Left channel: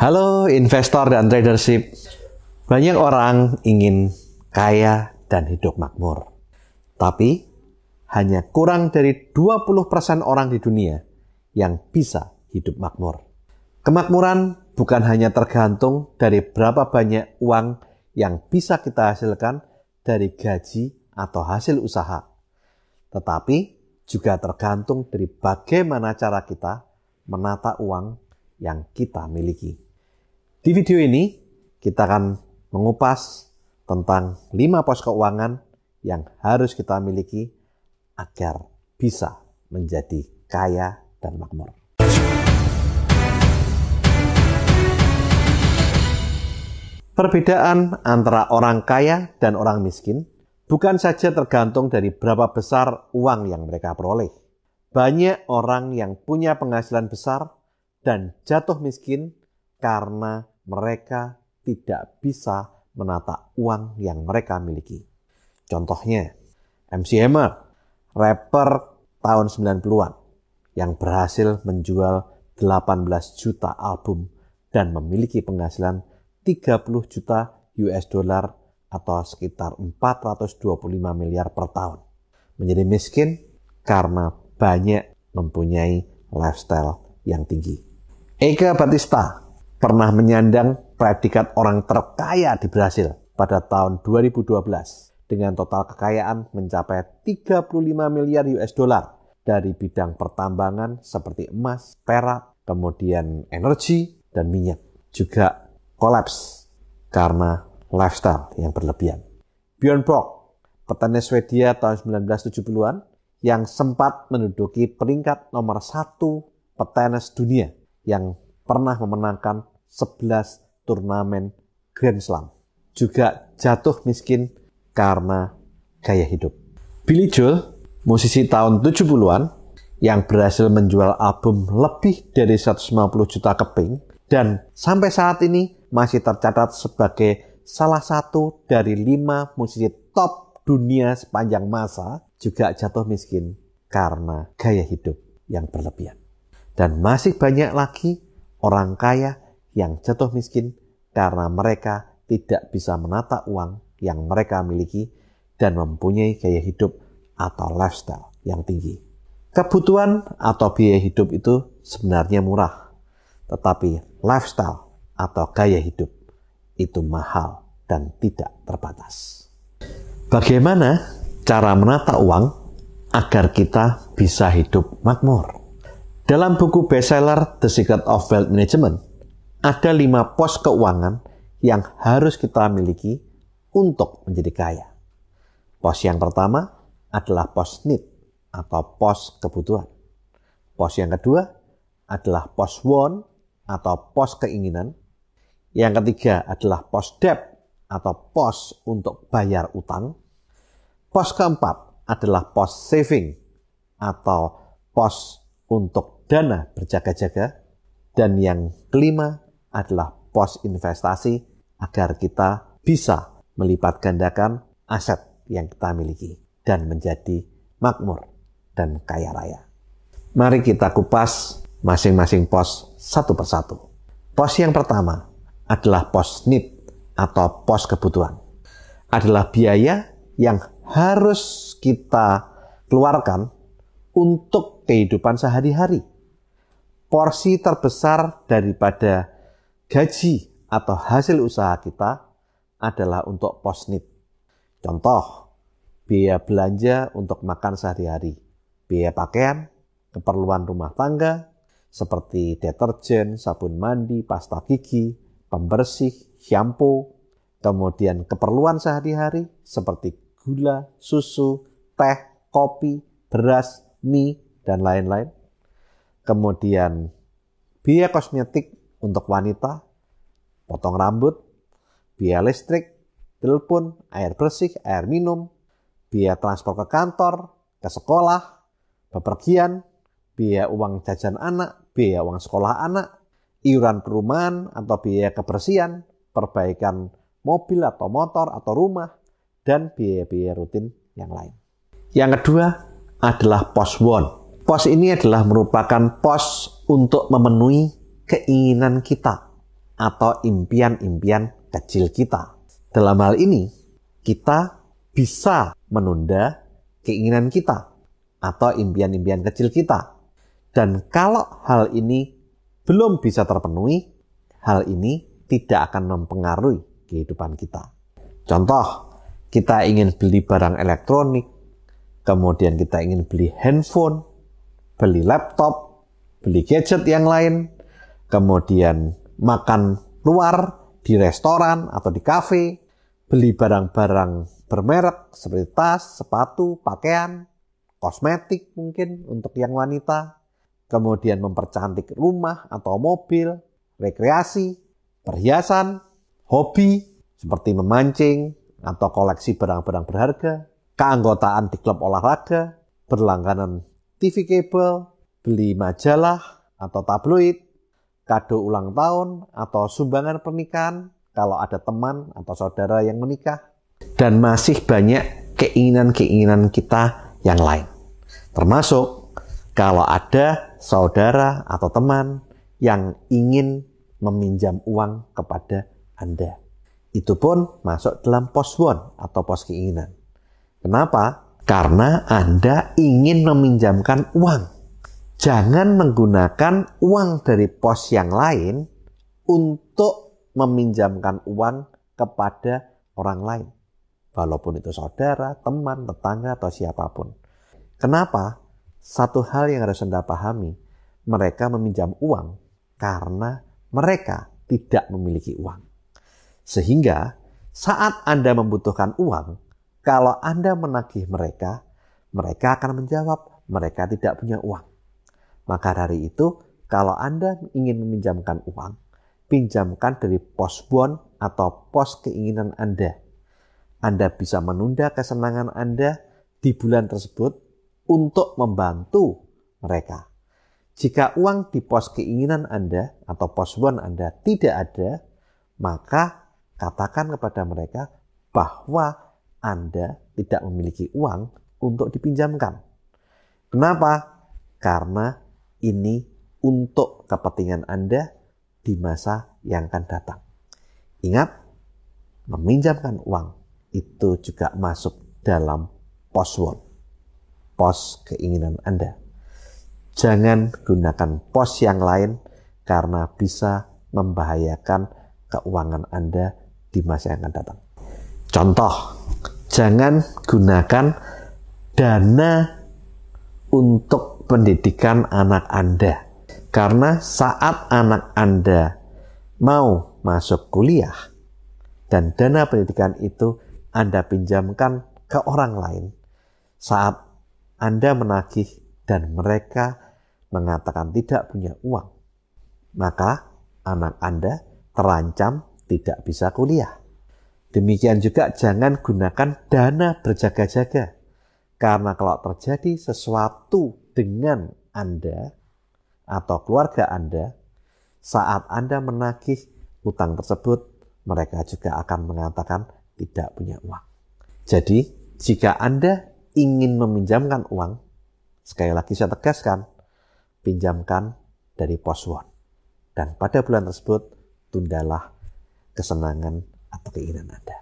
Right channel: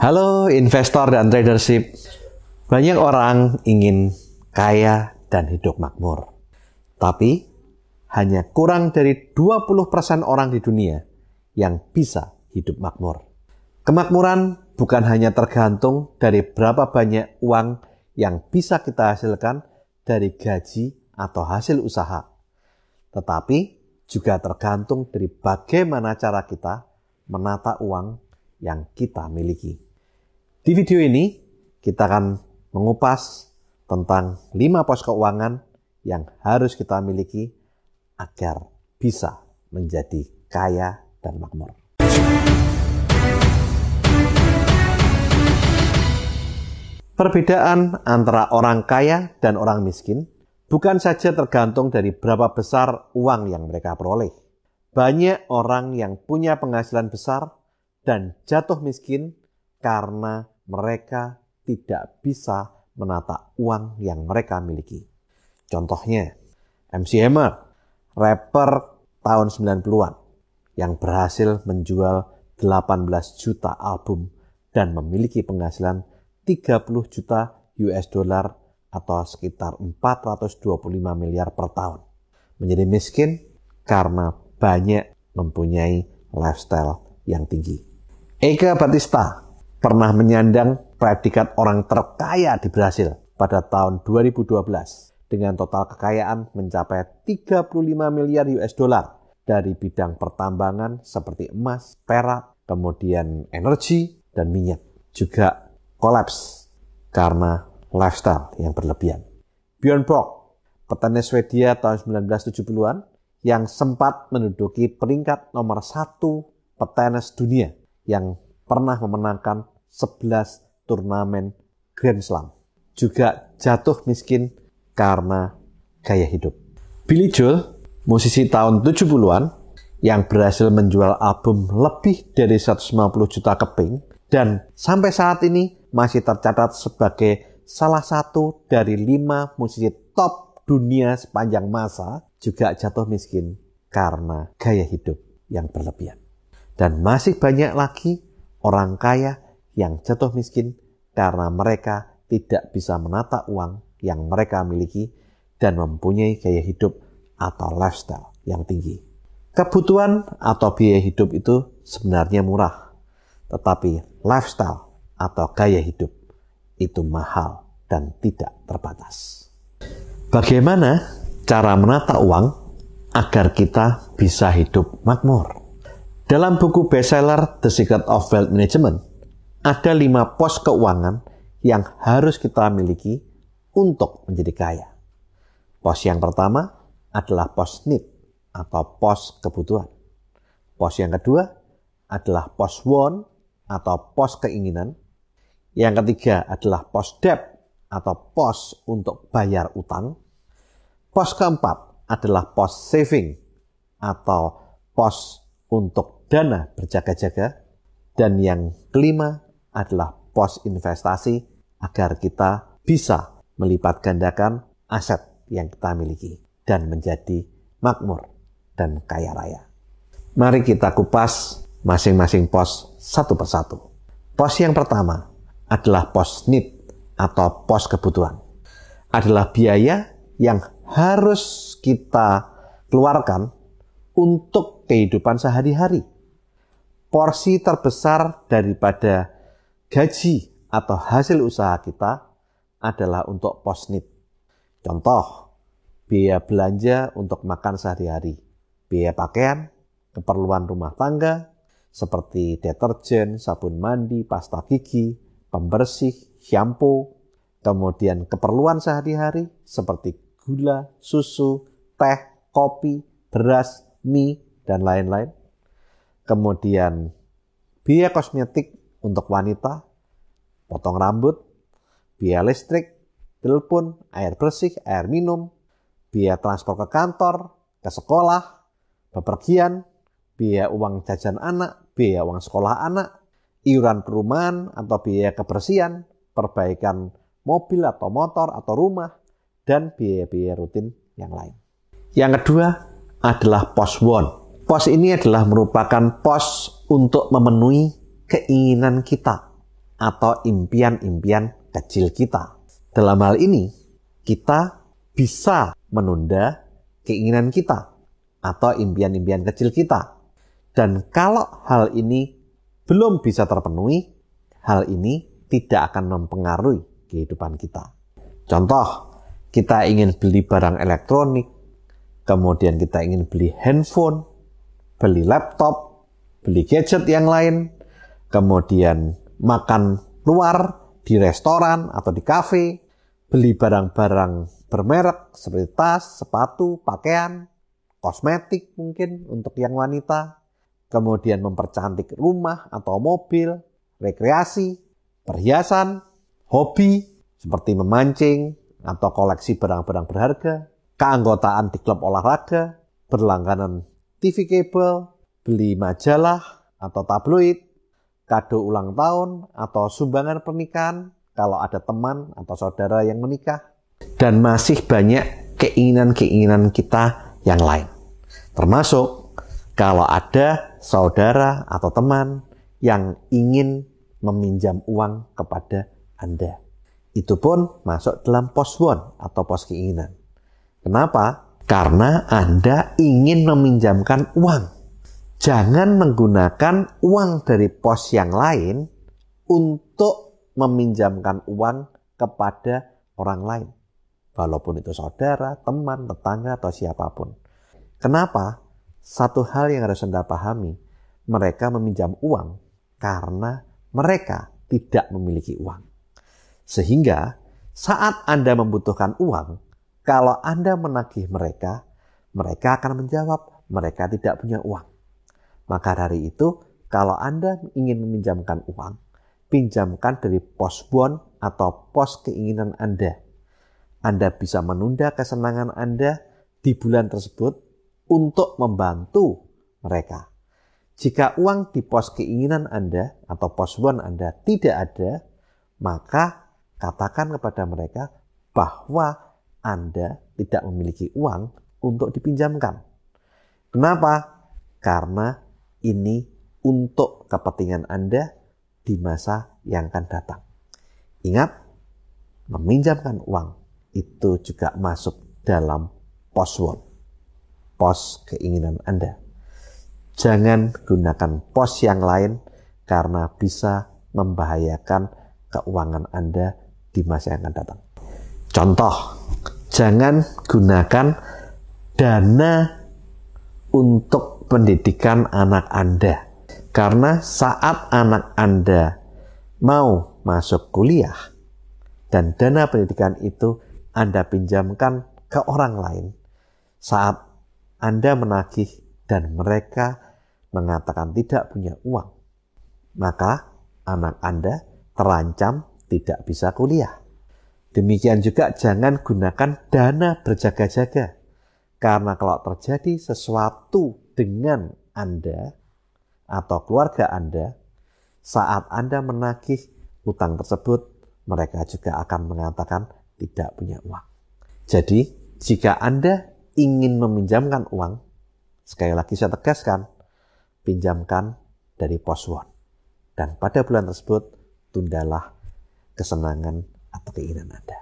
Halo investor dan tradership. Banyak orang ingin kaya dan hidup makmur. Tapi hanya kurang dari 20% orang di dunia yang bisa hidup makmur. Kemakmuran bukan hanya tergantung dari berapa banyak uang yang bisa kita hasilkan dari gaji atau hasil usaha. Tetapi juga tergantung dari bagaimana cara kita menata uang yang kita miliki. Di video ini, kita akan mengupas tentang 5 pos keuangan yang harus kita miliki agar bisa menjadi kaya dan makmur. Perbedaan antara orang kaya dan orang miskin bukan saja tergantung dari berapa besar uang yang mereka peroleh. Banyak orang yang punya penghasilan besar dan jatuh miskin karena mereka tidak bisa menata uang yang mereka miliki. Contohnya, MC Hammer, rapper tahun 90-an yang berhasil menjual 18 juta album dan memiliki penghasilan 30 juta US dollar atau sekitar 425 miliar per tahun. Menjadi miskin karena banyak mempunyai lifestyle yang tinggi. Eka Batista pernah menyandang predikat orang terkaya di Brasil pada tahun 2012 dengan total kekayaan mencapai 35 miliar US dollar dari bidang pertambangan seperti emas, perak, kemudian energi, dan minyak. Juga kolaps karena lifestyle yang berlebihan. Björn Borg, petenis Swedia tahun 1970-an yang sempat menduduki peringkat nomor 1 petenis dunia yang pernah memenangkan 11 turnamen Grand Slam. Juga jatuh miskin karena gaya hidup. Billy Joel, musisi tahun 70-an yang berhasil menjual album lebih dari 150 juta keping dan sampai saat ini masih tercatat sebagai salah satu dari 5 musisi top dunia sepanjang masa, juga jatuh miskin karena gaya hidup yang berlebihan. Dan masih banyak lagi orang kaya yang jatuh miskin karena mereka tidak bisa menata uang yang mereka miliki dan mempunyai gaya hidup atau lifestyle yang tinggi. Kebutuhan atau biaya hidup itu sebenarnya murah, tetapi lifestyle atau gaya hidup itu mahal dan tidak terbatas. Bagaimana cara menata uang agar kita bisa hidup makmur? Dalam buku bestseller The Secret of Wealth Management, ada 5 pos keuangan yang harus kita miliki untuk menjadi kaya. Pos yang pertama adalah pos need atau pos kebutuhan. Pos yang kedua adalah pos want atau pos keinginan. Yang ketiga adalah pos debt atau pos untuk bayar utang. Pos keempat adalah pos saving atau pos untuk dana berjaga-jaga. Dan yang kelima adalah pos investasi agar kita bisa melipat gandakan aset yang kita miliki dan menjadi makmur dan kaya raya. Mari kita kupas masing-masing pos satu persatu. Pos yang pertama adalah pos need atau pos kebutuhan. Adalah biaya yang harus kita keluarkan untuk kehidupan sehari-hari. Porsi terbesar daripada gaji atau hasil usaha kita adalah untuk pos need. Contoh, biaya belanja untuk makan sehari-hari, biaya pakaian, keperluan rumah tangga, seperti deterjen, sabun mandi, pasta gigi, pembersih, shampoo, kemudian keperluan sehari-hari seperti gula, susu, teh, kopi, beras, mie, dan lain-lain. Kemudian biaya kosmetik untuk wanita, potong rambut, biaya listrik, telepon, air bersih, air minum, biaya transport ke kantor, ke sekolah, bepergian, biaya uang jajan anak, biaya uang sekolah anak, iuran perumahan atau biaya kebersihan, perbaikan mobil atau motor atau rumah, dan biaya-biaya rutin yang lain. Yang kedua adalah pos want. Pos ini adalah merupakan pos untuk memenuhi keinginan kita atau impian-impian kecil kita. Dalam hal ini, kita bisa menunda keinginan kita atau impian-impian kecil kita. Dan kalau hal ini belum bisa terpenuhi, hal ini tidak akan mempengaruhi kehidupan kita. Contoh, kita ingin beli barang elektronik, kemudian kita ingin beli handphone, beli laptop, beli gadget yang lain, kemudian makan luar di restoran atau di kafe, beli barang-barang bermerek seperti tas, sepatu, pakaian, kosmetik mungkin untuk yang wanita, kemudian mempercantik rumah atau mobil, rekreasi, perhiasan, hobi seperti memancing atau koleksi barang-barang berharga, keanggotaan di klub olahraga, berlangganan TV kabel, beli majalah atau tabloid, kado ulang tahun atau sumbangan pernikahan kalau ada teman atau saudara yang menikah, dan masih banyak keinginan-keinginan kita yang lain. Termasuk kalau ada saudara atau teman yang ingin meminjam uang kepada Anda. Itu pun masuk dalam pos want atau pos keinginan. Kenapa? Karena Anda ingin meminjamkan uang. Jangan menggunakan uang dari pos yang lain untuk meminjamkan uang kepada orang lain. Walaupun itu saudara, teman, tetangga, atau siapapun. Kenapa? Satu hal yang harus Anda pahami, mereka meminjam uang karena mereka tidak memiliki uang. Sehingga saat Anda membutuhkan uang, kalau Anda menagih mereka, mereka akan menjawab, mereka tidak punya uang. Maka dari itu, kalau Anda ingin meminjamkan uang, pinjamkan dari pos want atau pos keinginan Anda. Anda bisa menunda kesenangan Anda di bulan tersebut untuk membantu mereka. Jika uang di pos keinginan Anda atau pos want Anda tidak ada, maka katakan kepada mereka bahwa Anda tidak memiliki uang untuk dipinjamkan. Kenapa? Karena ini untuk kepentingan Anda di masa yang akan datang. Ingat, meminjamkan uang itu juga masuk dalam pos want, pos keinginan Anda. Jangan gunakan pos yang lain karena bisa membahayakan keuangan Anda di masa yang akan datang. Contoh, jangan gunakan dana untuk pendidikan anak Anda. Karena saat anak Anda mau masuk kuliah dan dana pendidikan itu Anda pinjamkan ke orang lain, saat Anda menagih dan mereka mengatakan tidak punya uang, maka anak Anda terancam tidak bisa kuliah. Demikian juga jangan gunakan dana berjaga-jaga. Karena kalau terjadi sesuatu dengan Anda atau keluarga Anda, saat Anda menagih utang tersebut, mereka juga akan mengatakan tidak punya uang. Jadi, jika Anda ingin meminjamkan uang, sekali lagi saya tegaskan, pinjamkan dari pos want. Dan pada bulan tersebut, tundalah kesenangan atau keinginan Anda.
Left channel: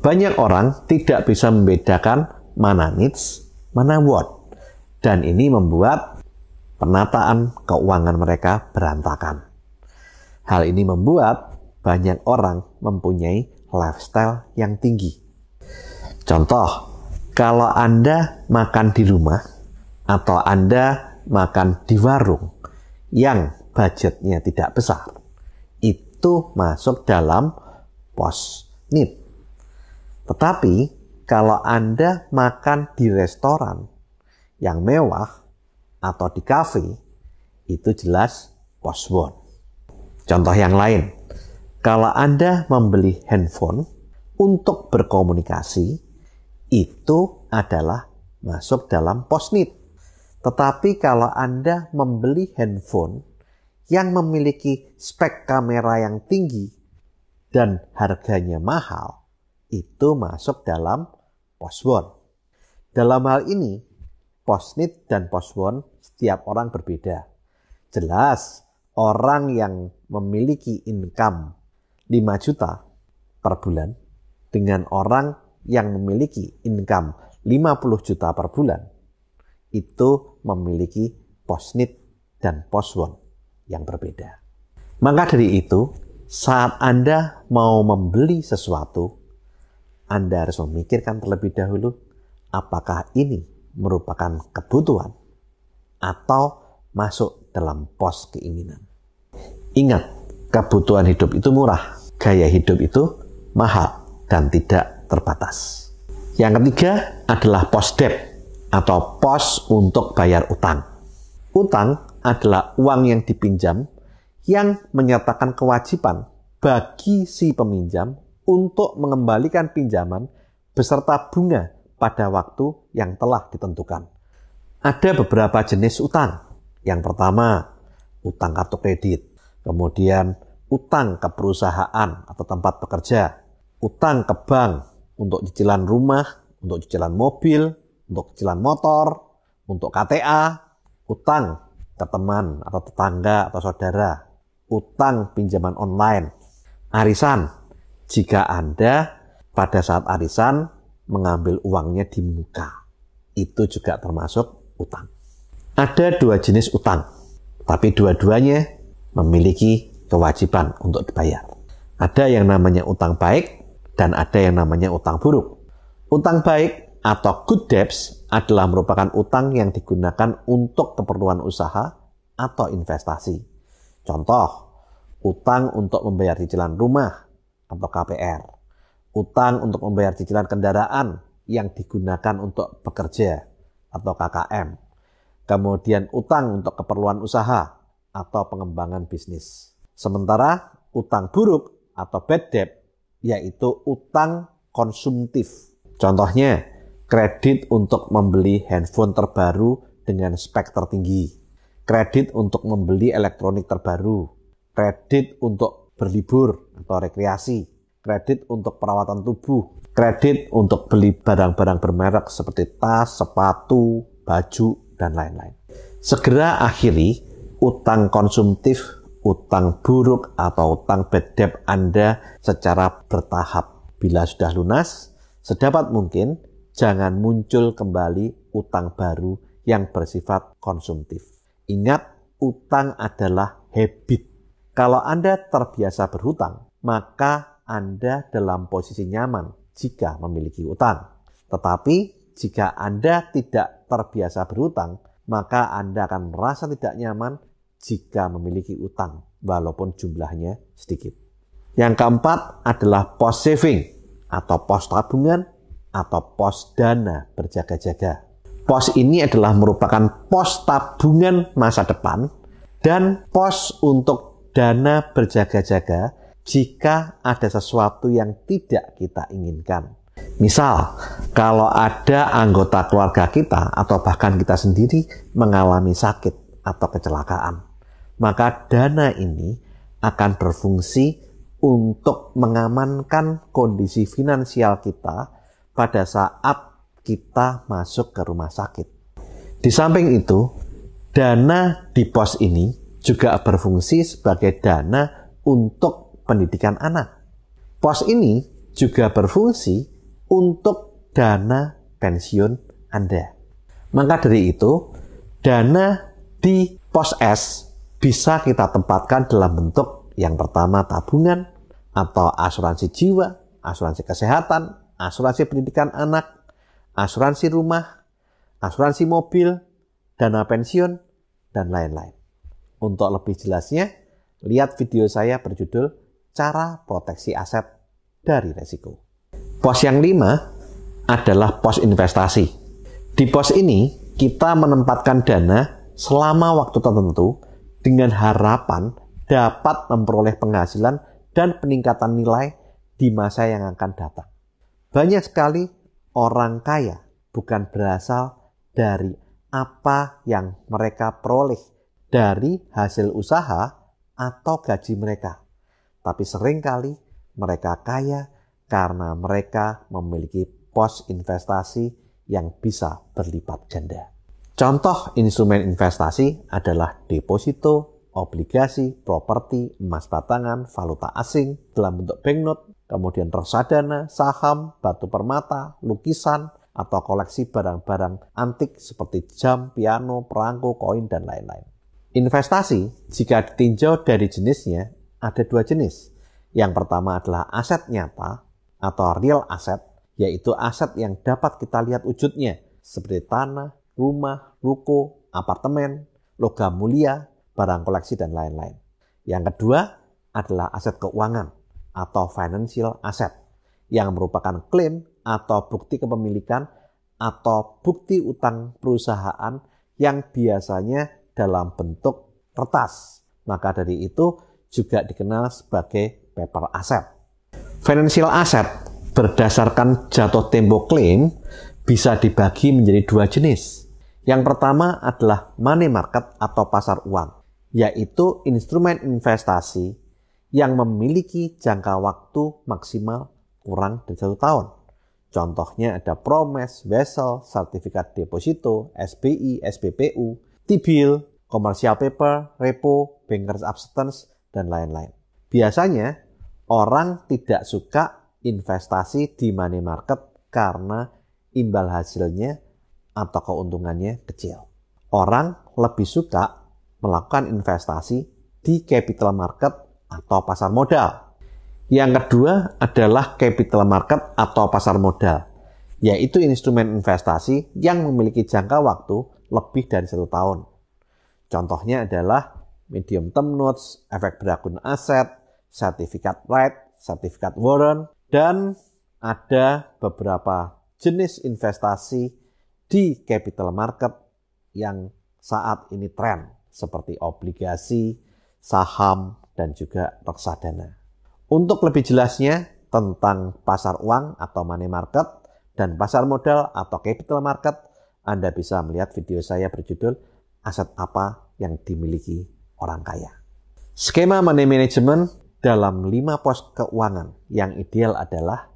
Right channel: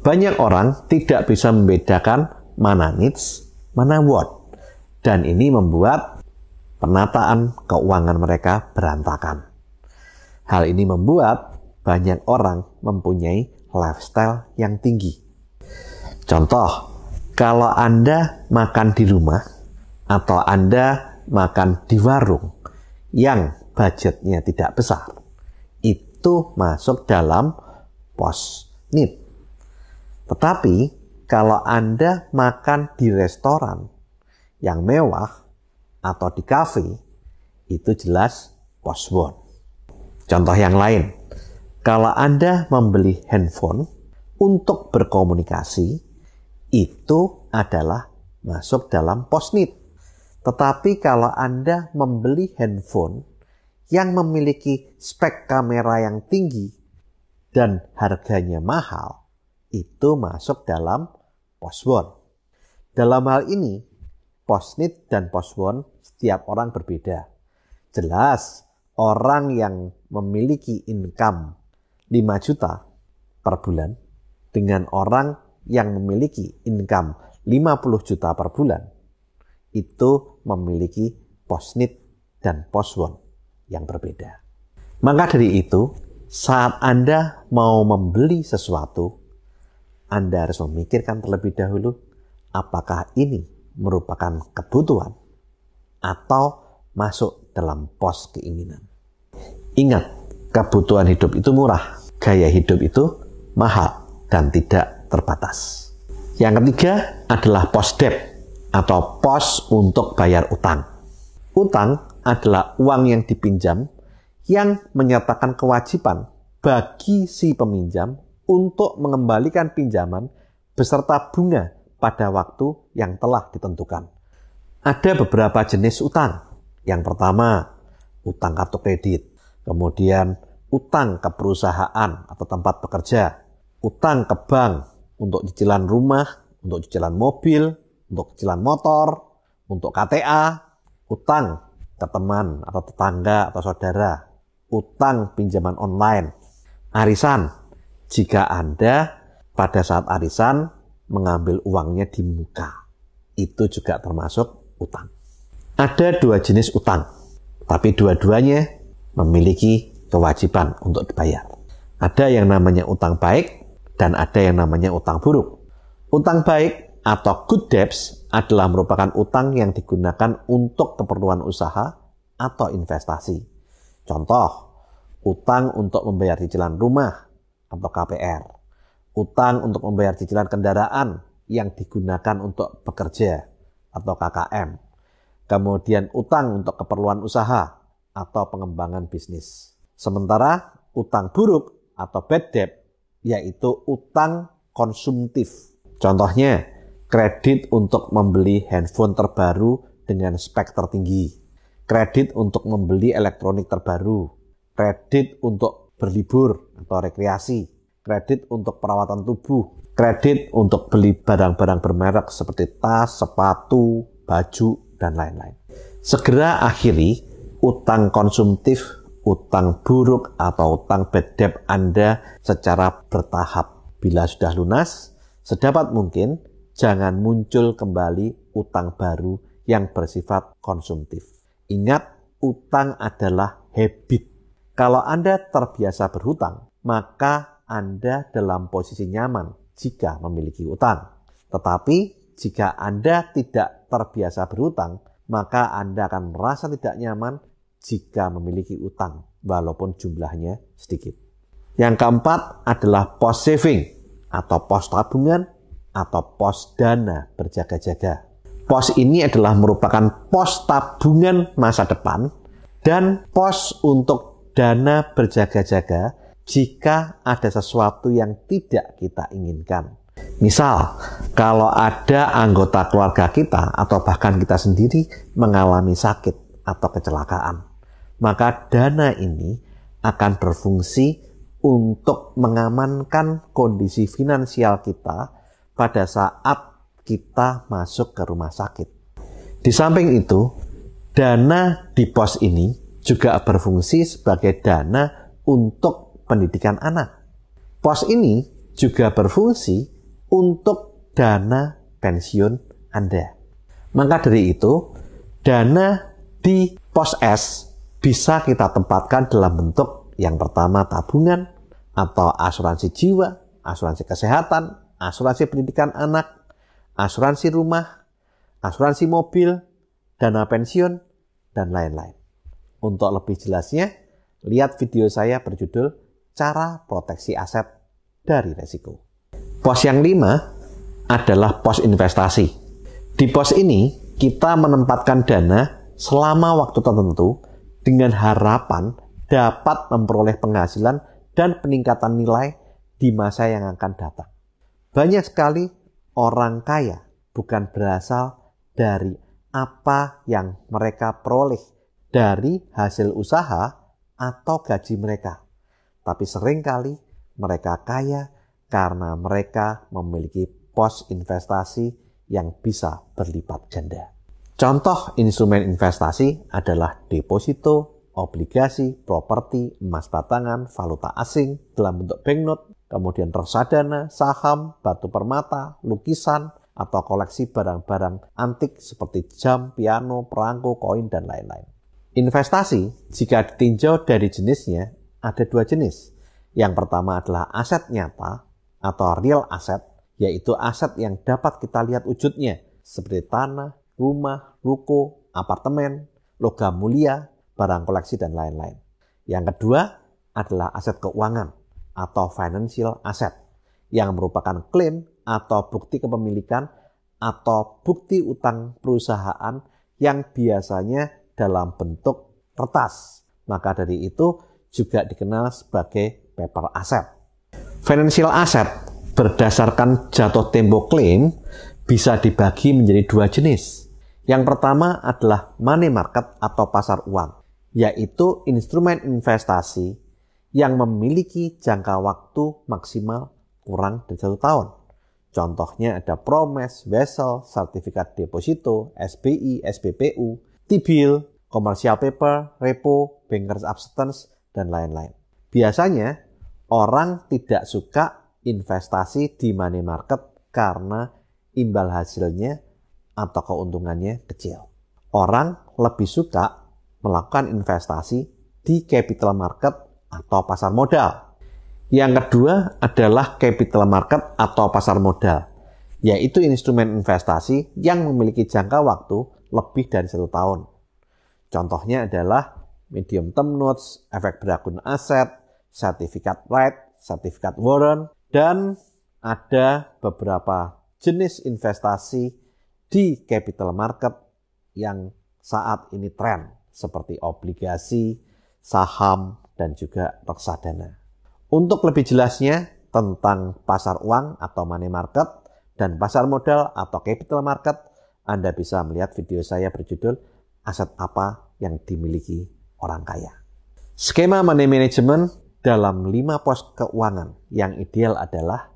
Banyak orang tidak bisa membedakan mana needs, mana want. Dan ini membuat penataan keuangan mereka berantakan. Hal ini membuat banyak orang mempunyai lifestyle yang tinggi. Contoh, kalau Anda makan di rumah atau Anda makan di warung yang budgetnya tidak besar, itu masuk dalam pos need. Tetapi kalau Anda makan di restoran yang mewah atau di kafe, itu jelas pos want. Contoh yang lain, kalau Anda membeli handphone untuk berkomunikasi, itu adalah masuk dalam pos need. Tetapi kalau Anda membeli handphone yang memiliki spek kamera yang tinggi dan harganya mahal, itu masuk dalam pos want. Dalam hal ini, pos need dan pos want setiap orang berbeda. Jelas, orang yang memiliki income 5 juta per bulan dengan orang yang memiliki income 50 juta per bulan itu memiliki post-need dan post-want yang berbeda. Maka dari itu, saat Anda mau membeli sesuatu, Anda harus memikirkan terlebih dahulu apakah ini merupakan kebutuhan atau masuk dalam pos keinginan. Ingat, kebutuhan hidup itu murah, gaya hidup itu mahal dan tidak terbatas. Yang ketiga adalah pos debt atau pos untuk bayar utang. Utang adalah uang yang dipinjam yang menyatakan kewajiban bagi si peminjam untuk mengembalikan pinjaman beserta bunga pada waktu yang telah ditentukan. Ada beberapa jenis utang. Yang pertama, utang kartu kredit. Kemudian, utang ke perusahaan atau tempat bekerja. Utang ke bank untuk cicilan rumah, untuk cicilan mobil, untuk cicilan motor, untuk KTA. Utang ke teman atau tetangga atau saudara. Utang pinjaman online. Arisan, jika Anda pada saat arisan mengambil uangnya di muka, itu juga termasuk utang. Ada 2 jenis utang, tapi dua-duanya memiliki kewajiban untuk dibayar. Ada yang namanya utang baik dan ada yang namanya utang buruk. Utang baik atau good debts adalah merupakan utang yang digunakan untuk keperluan usaha atau investasi. Contoh, utang untuk membayar cicilan rumah atau KPR. Utang untuk membayar cicilan kendaraan yang digunakan untuk bekerja atau KKM. Kemudian utang untuk keperluan usaha atau pengembangan bisnis. Sementara utang buruk atau bad debt yaitu utang konsumtif. Contohnya, kredit untuk membeli handphone terbaru dengan spek tertinggi. Kredit untuk membeli elektronik terbaru. Kredit untuk berlibur atau rekreasi. Kredit untuk perawatan tubuh, kredit untuk beli barang-barang bermerek seperti tas, sepatu, baju, dan lain-lain. Segera akhiri utang konsumtif, utang buruk, atau utang bad debt Anda secara bertahap. Bila sudah lunas, sedapat mungkin jangan muncul kembali utang baru yang bersifat konsumtif. Ingat, utang adalah habit. Kalau Anda terbiasa berhutang, maka Anda dalam posisi nyaman jika memiliki utang. Tetapi jika Anda tidak terbiasa berhutang, maka Anda akan merasa tidak nyaman jika memiliki utang, walaupun jumlahnya sedikit. Yang keempat adalah pos saving atau pos tabungan atau pos dana berjaga-jaga. Pos ini adalah merupakan pos tabungan masa depan dan pos untuk dana berjaga-jaga jika ada sesuatu yang tidak kita inginkan. Misal, kalau ada anggota keluarga kita atau bahkan kita sendiri mengalami sakit atau kecelakaan, maka dana ini akan berfungsi untuk mengamankan kondisi finansial kita pada saat kita masuk ke rumah sakit. Di samping itu, dana di pos ini juga berfungsi sebagai dana untuk pendidikan anak. Pos ini juga berfungsi untuk dana pensiun Anda. Maka dari itu, dana di pos S bisa kita tempatkan dalam bentuk yang pertama tabungan atau asuransi jiwa, asuransi kesehatan, asuransi pendidikan anak, asuransi rumah, asuransi mobil, dana pensiun, dan lain-lain. Untuk lebih jelasnya, lihat video saya berjudul Cara Proteksi Aset dari Resiko. Pos yang 5 adalah pos investasi. Di pos ini, kita menempatkan dana selama waktu tertentu dengan harapan dapat memperoleh penghasilan dan peningkatan nilai di masa yang akan datang. Banyak sekali orang kaya bukan berasal dari apa yang mereka peroleh dari hasil usaha atau gaji mereka. Tapi seringkali mereka kaya karena mereka memiliki pos investasi yang bisa berlipat ganda. Contoh instrumen investasi adalah deposito, obligasi, properti, emas batangan, valuta asing dalam bentuk banknote, kemudian reksadana, saham, batu permata, lukisan, atau koleksi barang-barang antik seperti jam, piano, perangko, koin, dan lain-lain. Investasi, jika ditinjau dari jenisnya, ada dua jenis. Yang pertama adalah aset nyata atau real asset, yaitu aset yang dapat kita lihat wujudnya, seperti tanah, rumah, ruko, apartemen, logam mulia, barang koleksi, dan lain-lain. Yang kedua adalah aset keuangan atau financial asset, yang merupakan klaim atau bukti kepemilikan atau bukti utang perusahaan yang biasanya dalam bentuk kertas. Maka dari itu juga dikenal sebagai paper asset. Financial asset berdasarkan jatuh tempo klaim bisa dibagi menjadi dua jenis. Yang pertama adalah money market atau pasar uang, yaitu instrumen investasi yang memiliki jangka waktu maksimal kurang dari 1 tahun. Contohnya ada Promes, Wesel, Sertifikat Deposito, SBI, SPPU, T-bill, commercial paper, repo, bankers acceptance, dan lain-lain. Biasanya orang tidak suka investasi di money market karena imbal hasilnya atau keuntungannya kecil. Orang lebih suka melakukan investasi di capital market atau pasar modal. Yang kedua adalah capital market atau pasar modal, yaitu instrumen investasi yang memiliki jangka waktu lebih dari 1 tahun. Contohnya adalah medium term notes, efek beragam aset, sertifikat right, sertifikat warrant, dan ada beberapa jenis investasi di capital market yang saat ini tren, seperti obligasi, saham, dan juga reksadana. Untuk lebih jelasnya tentang pasar uang atau money market dan pasar modal atau capital market, Anda bisa melihat video saya berjudul Aset Apa yang Dimiliki Orang Kaya. Skema money management dalam 5 pos keuangan yang ideal adalah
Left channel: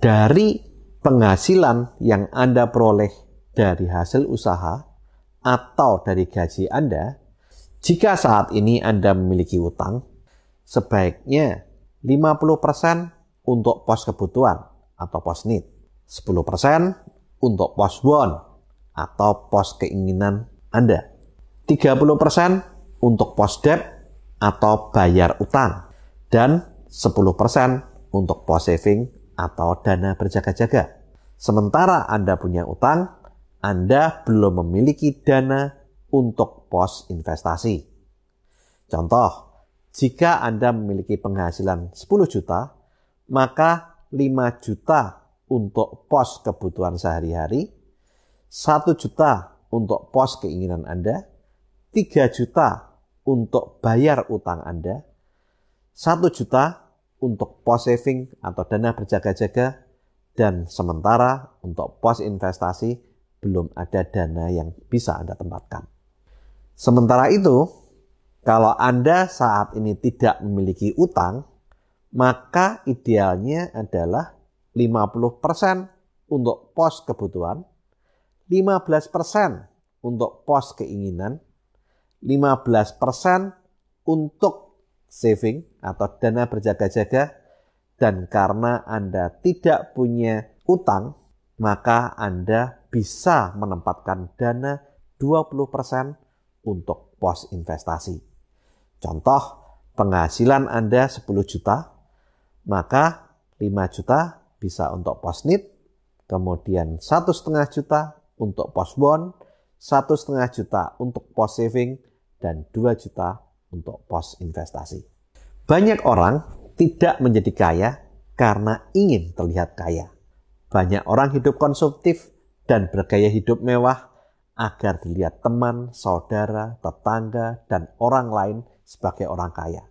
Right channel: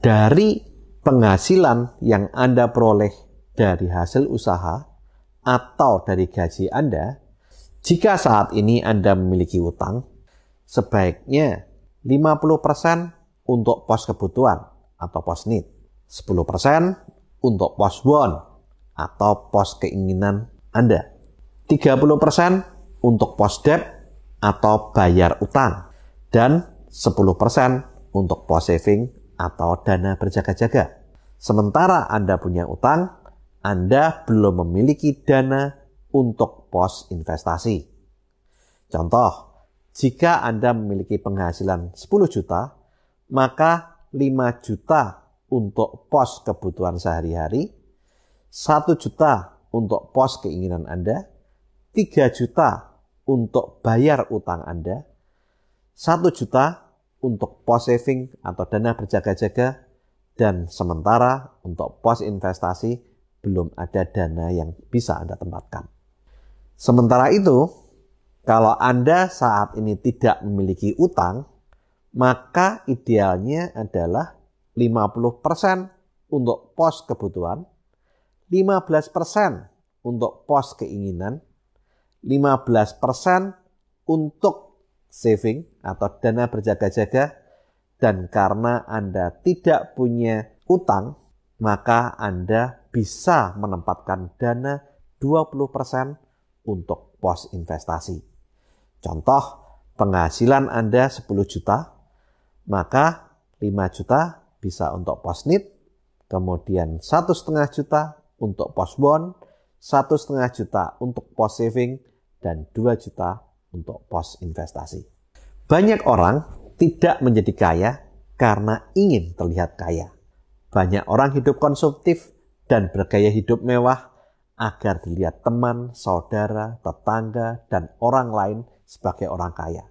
dari penghasilan yang Anda peroleh dari hasil usaha atau dari gaji Anda. Jika saat ini Anda memiliki utang, sebaiknya 50% untuk pos kebutuhan atau pos need, 10% untuk pos want atau pos keinginan Anda, 30% untuk pos debt atau bayar utang, dan 10% untuk pos saving atau dana berjaga-jaga. Sementara Anda punya utang, Anda belum memiliki dana untuk pos investasi. Contoh, jika Anda memiliki penghasilan 10 juta, maka 5 juta untuk pos kebutuhan sehari-hari, 1 juta untuk pos keinginan Anda, 3 juta untuk bayar utang Anda, 1 juta untuk pos saving atau dana berjaga-jaga, dan sementara untuk pos investasi belum ada dana yang bisa Anda tempatkan. Sementara itu, kalau Anda saat ini tidak memiliki utang, maka idealnya adalah 50% untuk pos kebutuhan, 15% untuk pos keinginan, 15% untuk saving atau dana berjaga-jaga, dan karena Anda tidak punya utang, maka Anda bisa menempatkan dana 20% untuk pos investasi. Contoh, penghasilan Anda 10 juta, maka 5 juta bisa untuk pos need, kemudian 1,5 juta untuk pos want, 1,5 juta untuk pos saving, dan 2 juta untuk pos investasi. Banyak orang tidak menjadi kaya karena ingin terlihat kaya. Banyak orang hidup konsumtif dan bergaya hidup mewah agar dilihat teman, saudara, tetangga, dan orang lain sebagai orang kaya.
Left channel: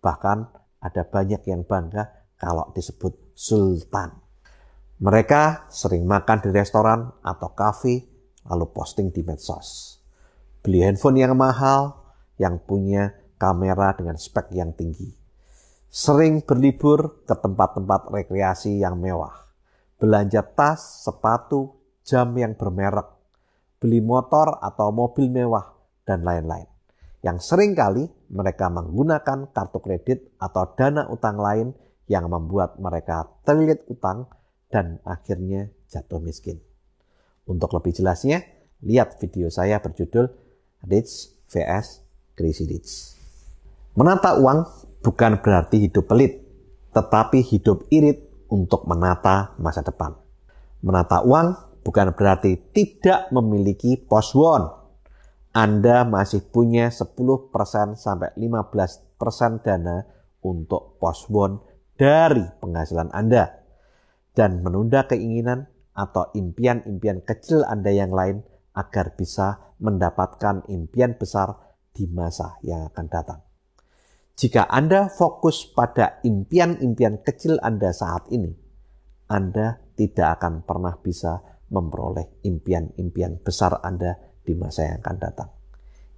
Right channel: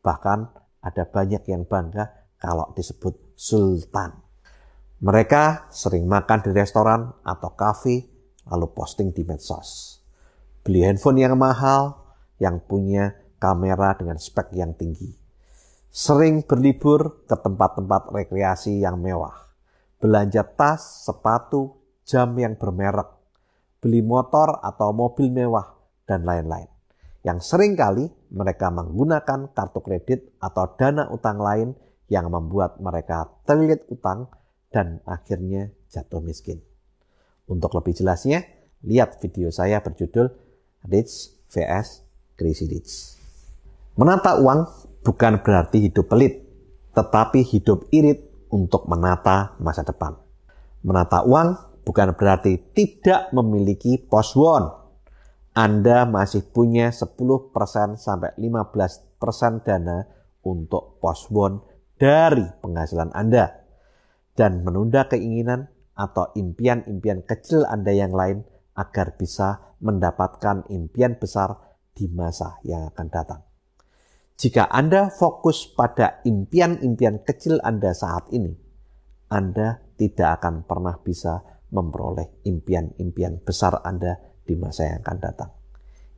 Bahkan ada banyak yang bangga kalau disebut sultan. Mereka sering makan di restoran atau kafe, lalu posting di medsos. Beli handphone yang mahal, yang punya kamera dengan spek yang tinggi. Sering berlibur ke tempat-tempat rekreasi yang mewah. Belanja tas, sepatu, jam yang bermerek. Beli motor atau mobil mewah, dan lain-lain. yang seringkali mereka menggunakan kartu kredit atau dana utang lain yang membuat mereka terlilit utang dan akhirnya jatuh miskin. Untuk lebih jelasnya, lihat video saya berjudul Rich vs Crazy Rich. Menata uang bukan berarti hidup pelit, tetapi hidup irit untuk menata masa depan. Menata uang bukan berarti tidak memiliki pos won. Anda masih punya 10% sampai 15% dana untuk pos won dari penghasilan Anda. Dan menunda keinginan atau impian-impian kecil Anda yang lain agar bisa mendapatkan impian besar di masa yang akan datang. Jika Anda fokus pada impian-impian kecil Anda saat ini, Anda tidak akan pernah bisa memperoleh impian-impian besar Anda di masa yang akan datang.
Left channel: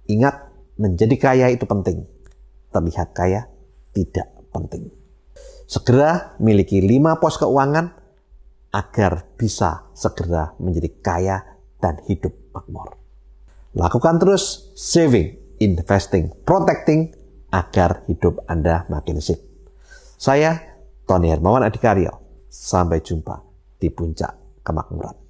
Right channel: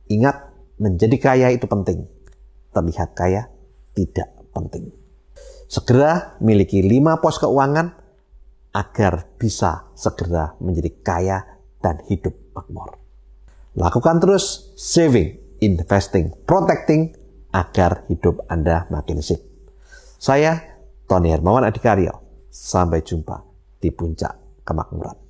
Ingat, menjadi kaya itu penting. Terlihat kaya tidak penting. Segera miliki 5 pos keuangan agar bisa segera menjadi kaya dan hidup makmur. Lakukan terus saving, investing, protecting agar hidup Anda makin sip. Saya Tony Hermawan Adikaryo. Sampai jumpa di puncak kemakmuran.